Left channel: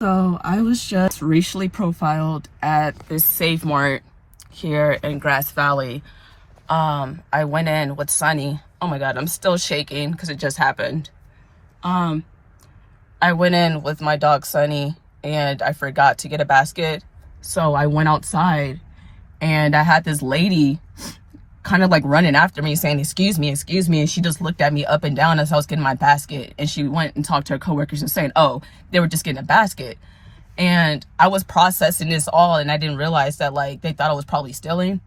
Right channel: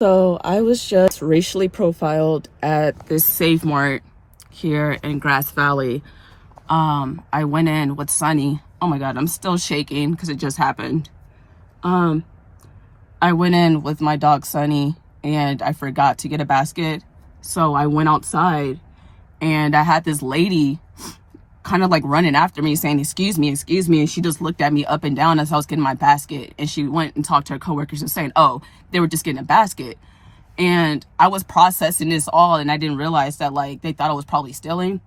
So I was just racially profiled at this Save Mart here in Grass Valley. I went in with Sunny. Oh my God, I'm still shaking because it just happened. I went in with my dog Sunny and I forgot to get a basket. So I went outside and I had this lady kind of like running after me saying, excuse me. And she just looked at me up and down as I was getting my basket. And she went and talked to her coworkers and saying, oh, they were just getting a basket. And I was processing this all and I didn't realize that like they thought I was probably stealing.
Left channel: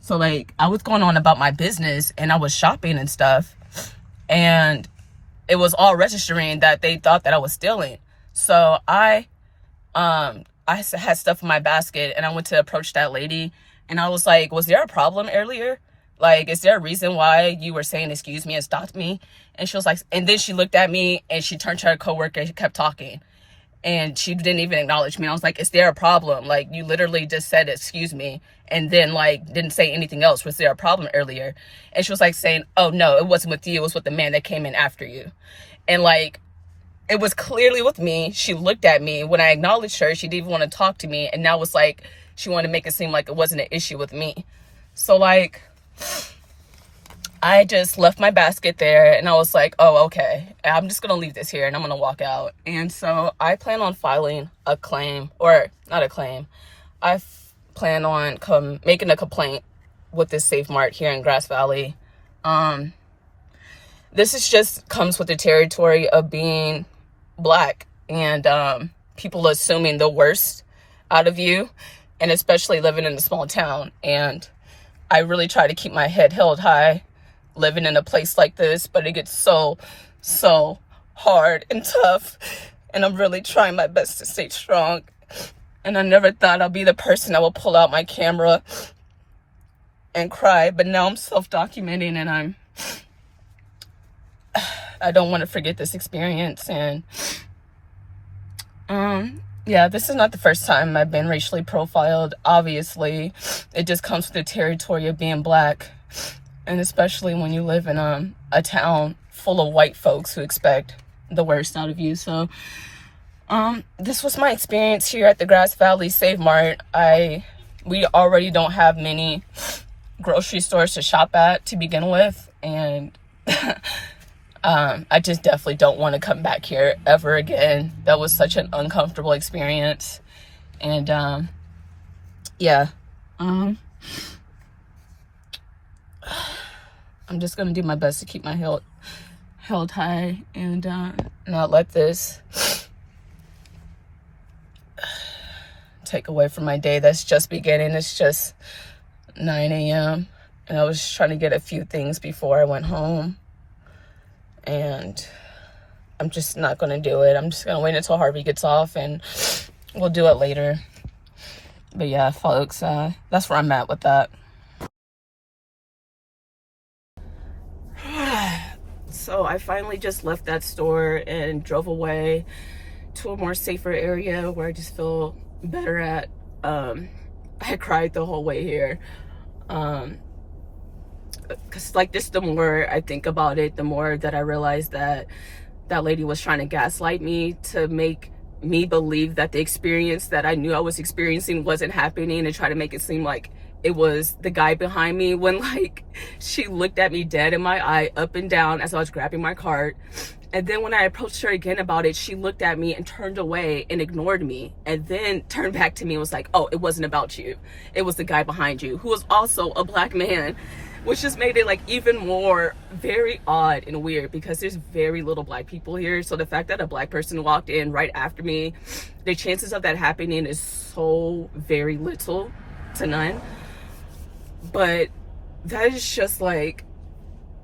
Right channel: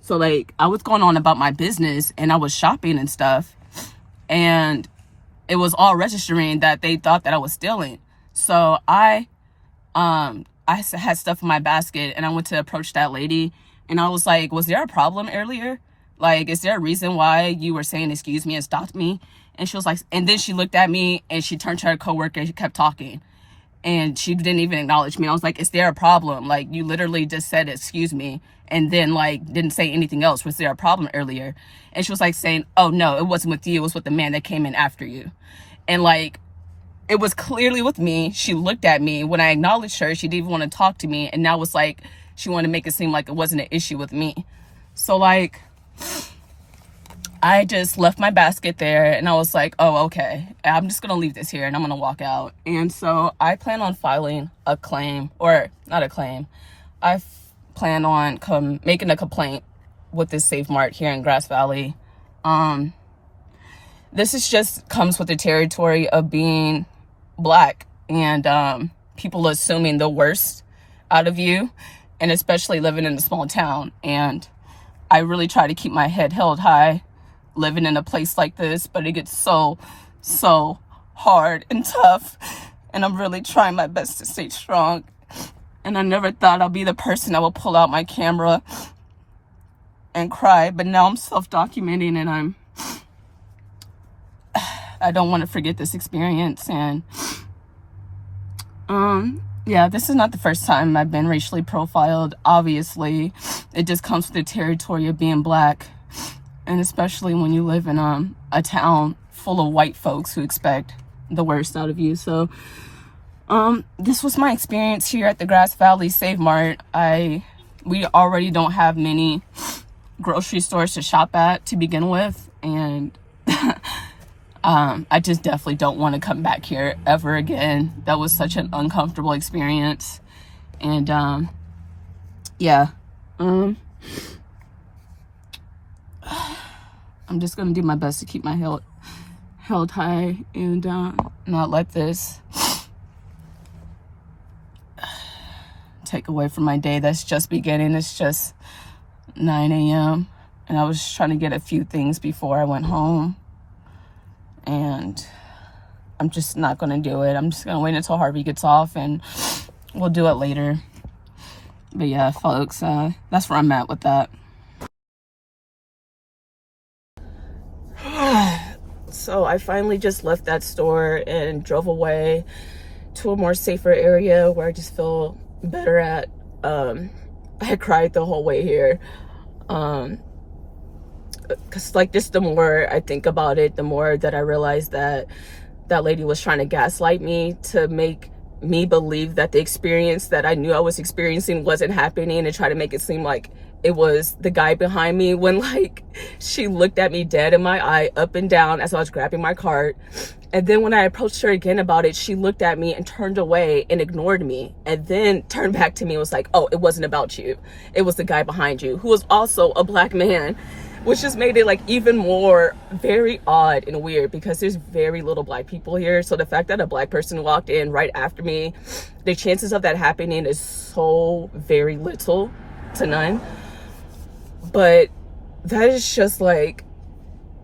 So like I was going on about my business and I was shopping and stuff. And it was all registering that they thought that I was stealing. So I had stuff in my basket and I went to approach that lady and I was like, was there a problem earlier? Like, is there a reason why you were saying excuse me and stopped me? And she was like, and then she looked at me and she turned to her coworker and she kept talking. And she didn't even acknowledge me. I was like, is there a problem? Like, you literally just said excuse me and then like didn't say anything else. Was there a problem earlier? And she was like saying, oh no, it wasn't with you, it was with the man that came in after you. And like, it was clearly with me. She looked at me. When I acknowledged her, she didn't even want to talk to me. And now it's like she wanted to make it seem like it wasn't an issue with me. So like, I just left my basket there and I was like, oh, okay, I'm just going to leave this here and I'm going to walk out. And so I plan on filing a claim, or not a claim. I plan on making a complaint with this Save Mart here in Grass Valley. This is just comes with the territory of being Black and people assuming the worst out of you, and especially living in a small town. And I really try to keep my head held high living in a place like this, but it gets so hard and tough. And I'm really trying my best to stay strong. And I never thought I'll be the person that will pull out my camera and cry, but now I'm self-documenting and I don't want to forget this experience. And yeah, this is not the first time I've been racially profiled. Obviously, it just comes with the territory of being Black. And especially when you live in a town full of white folks who expect the worst out of you. So this was my experience here at the Grass Valley Save Mart. We already don't have many grocery stores to shop at to begin with. And I just definitely don't want to come back here ever again. That was such an uncomfortable experience. And yeah. I'm just going to do my best to keep my head held high and not let this take away from my day that's just beginning. It's just 9 a.m. and I was trying to get a few things before I went home. And I'm just not going to do it. I'm just going to wait until Harvey gets off and we'll do it later. But yeah, folks, that's where I'm at with that. So I finally just left that store and drove away to a more safer area where I just feel better at. I cried the whole way here. Cause like this, the more I think about it, the more that I realize that that lady was trying to gaslight me to make me believe that the experience that I knew I was experiencing wasn't happening, and try to make it seem like it was the guy behind me, when like she looked at me dead in my eye up and down as I was grabbing my cart. And then when I approached her again about it, she looked at me and turned away and ignored me, and then turned back to me and was like, oh, it wasn't about you, it was the guy behind you, who was also a Black man, which just made it like even more very odd and weird because there's very little Black people here. So the fact that a Black person walked in right after me, the chances of that happening is so very little to none. But that is just like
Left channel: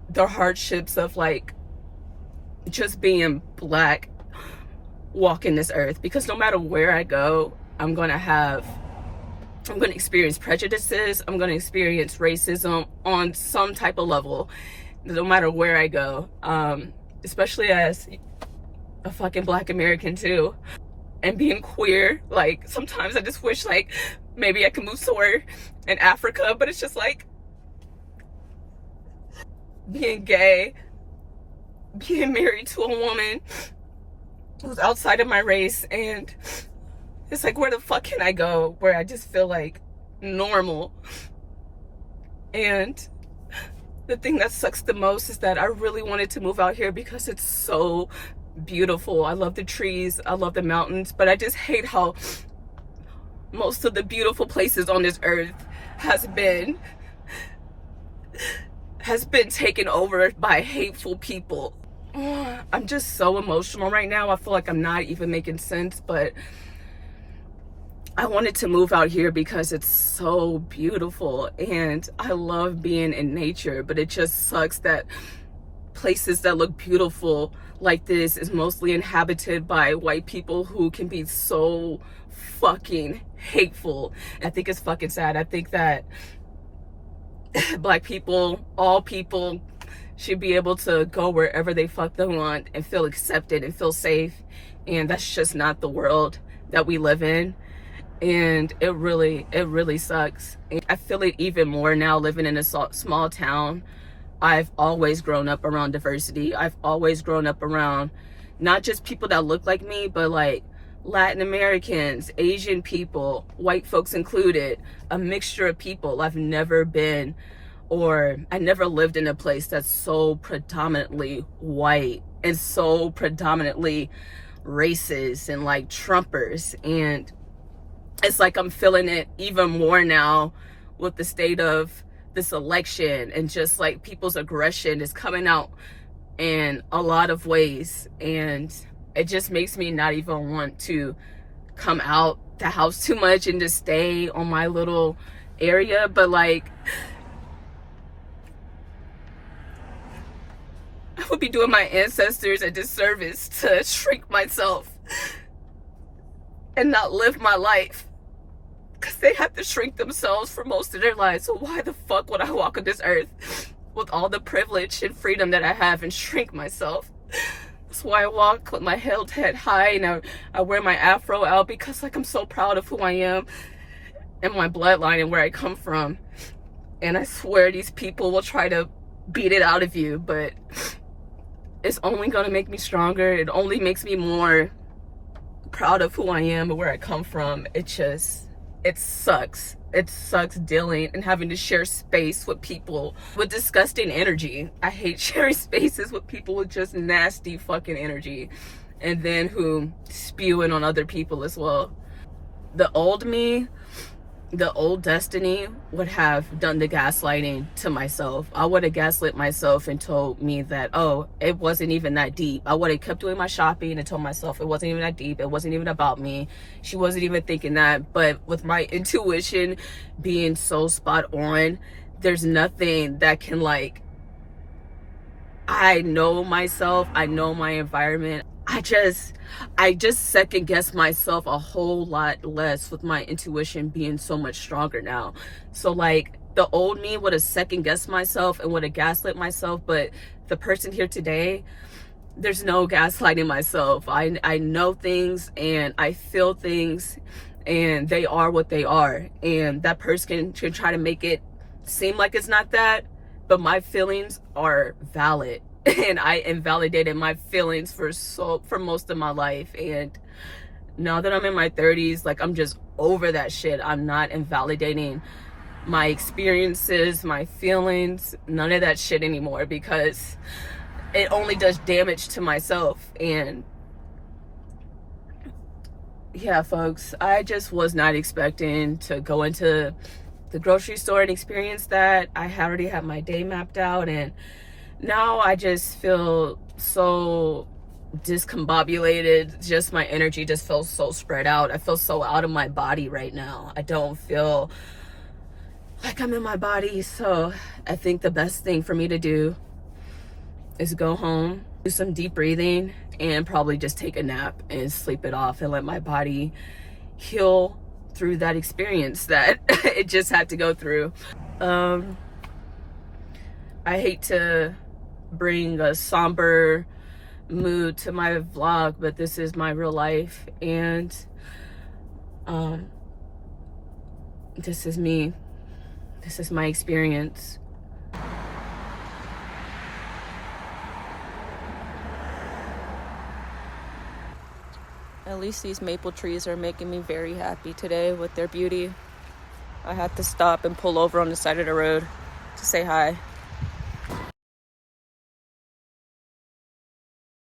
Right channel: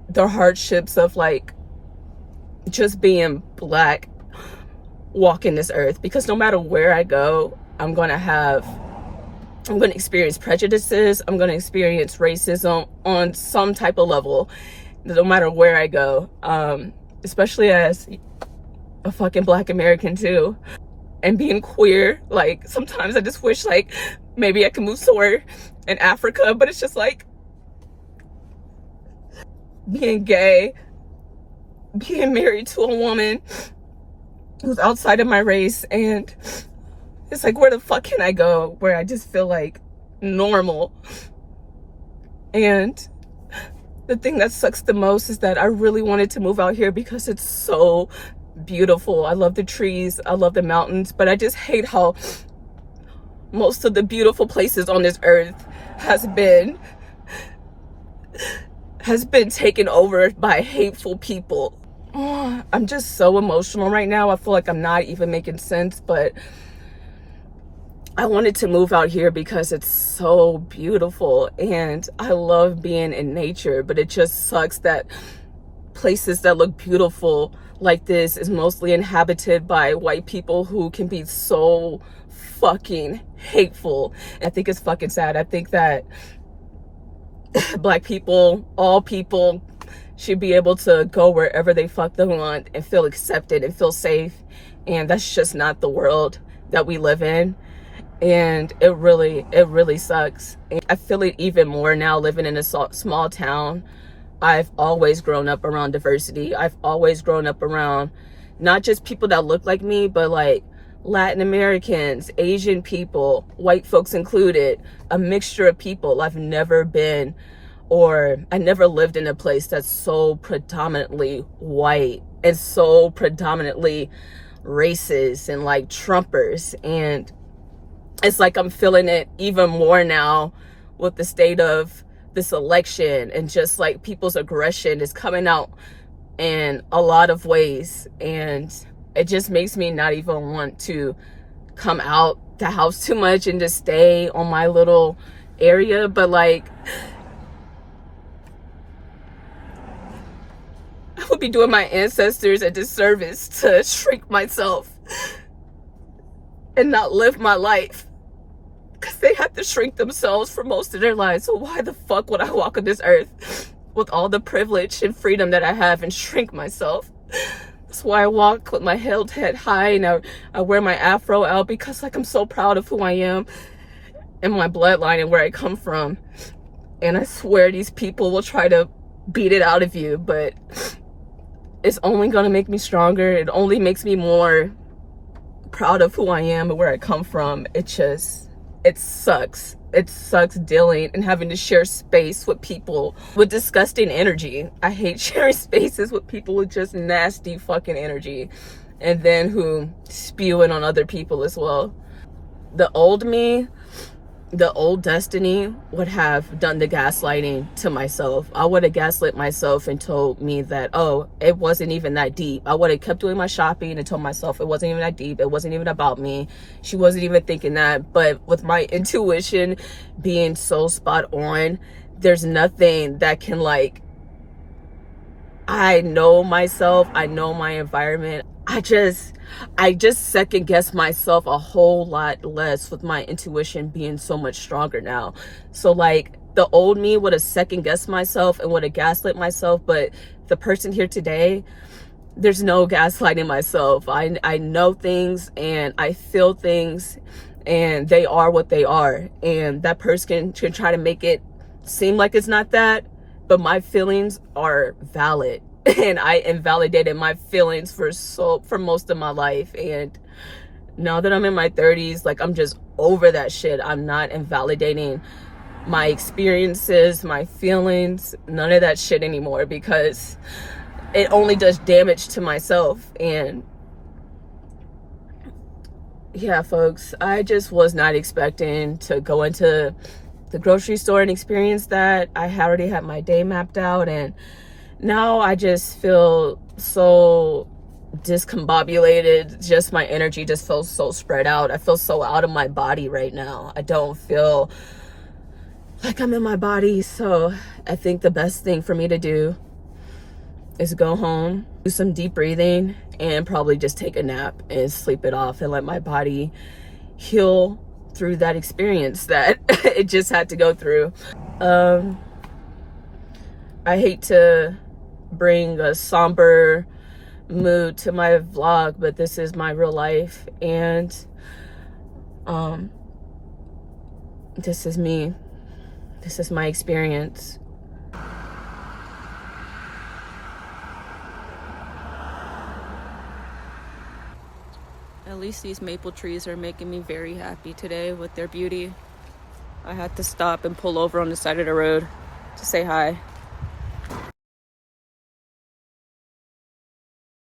the hardships of like just being Black walking this earth, because no matter where I go, I'm going to experience prejudices. I'm going to experience racism on some type of level, no matter where I go, especially as a fucking Black American too. And being queer, like sometimes I just wish like maybe I could move somewhere in Africa, but it's just like being gay, being married to a woman who's outside of my race, and It's like, where the fuck can I go where I just feel like normal? And the thing that sucks the most is that I really wanted to move out here because it's so beautiful. I love the trees, I love the mountains, but I just hate how most of the beautiful places on this earth has been taken over by hateful people. I'm just so emotional right now. I feel like I'm not even making sense, but I wanted to move out here because it's so beautiful and I love being in nature, but it just sucks that places that look beautiful like this is mostly inhabited by white people who can be so fucking hateful. I think it's fucking sad. I think that Black people, all people, should be able to go wherever they fuck they want and feel accepted and feel safe, and that's just not the world that we live in. And it really sucks. And I feel it even more now living in a small town. I've always grown up around diversity. I've always grown up around not just people that look like me, but like Latin Americans, Asian people, white folks included, a mixture of people. I never lived in a place that's so predominantly white and so predominantly racist and like Trumpers. And it's like I'm feeling it even more now with the state of this election, and just like people's aggression is coming out in a lot of ways, and it just makes me not even want to come out the house too much and just stay on my little area. But like, I would be doing my ancestors a disservice to shrink myself and not live my life, because they have to shrink themselves for most of their lives. So why the fuck would I walk on this earth with all the privilege and freedom that I have and shrink myself? That's why I walk with my head high, and I wear my afro out, because like I'm so proud of who I am and my bloodline and where I come from. And I swear these people will try to beat it out of you, but it's only gonna make me stronger. It only makes me more proud of who I am and where I come from. It sucks. It sucks dealing and having to share space with people with disgusting energy. I hate sharing spaces with people with just nasty fucking energy, and then who spew it on other people as well. The old me, the old Destiny, would have done the gaslighting to myself. I would have gaslit myself and told me that, oh, it wasn't even that deep. I would have kept doing my shopping and told myself it wasn't even that deep. It wasn't even about me. She wasn't even thinking that. But with my intuition being so spot on, there's nothing that can, like, I know myself, I know my environment. I just second guess myself a whole lot less with my intuition being so much stronger now. So like, the old me would have second guessed myself and would have gaslit myself, but the person here today, there's no gaslighting myself. I know things and I feel things, and they are what they are. And that person can try to make it seem like it's not that, but my feelings are valid. And I invalidated my feelings for most of my life. And now that I'm in my 30s, like, I'm just over that shit. I'm not invalidating my experiences, my feelings, none of that shit anymore, because it only does damage to myself. And yeah, folks, I just was not expecting to go into the grocery store and experience that. I already had my day mapped out, and now I just feel so discombobulated. Just my energy just feels so spread out. I feel so out of my body right now. I don't feel like I'm in my body. So I think the best thing for me to do is go home, do some deep breathing, and probably just take a nap and sleep it off and let my body heal through that experience that it just had to go through. I hate to bring a somber mood to my vlog, but this is my real life, and this is me. This is my experience. At least these maple trees are making me very happy today with their beauty. I had to stop and pull over on the side of the road to say hi.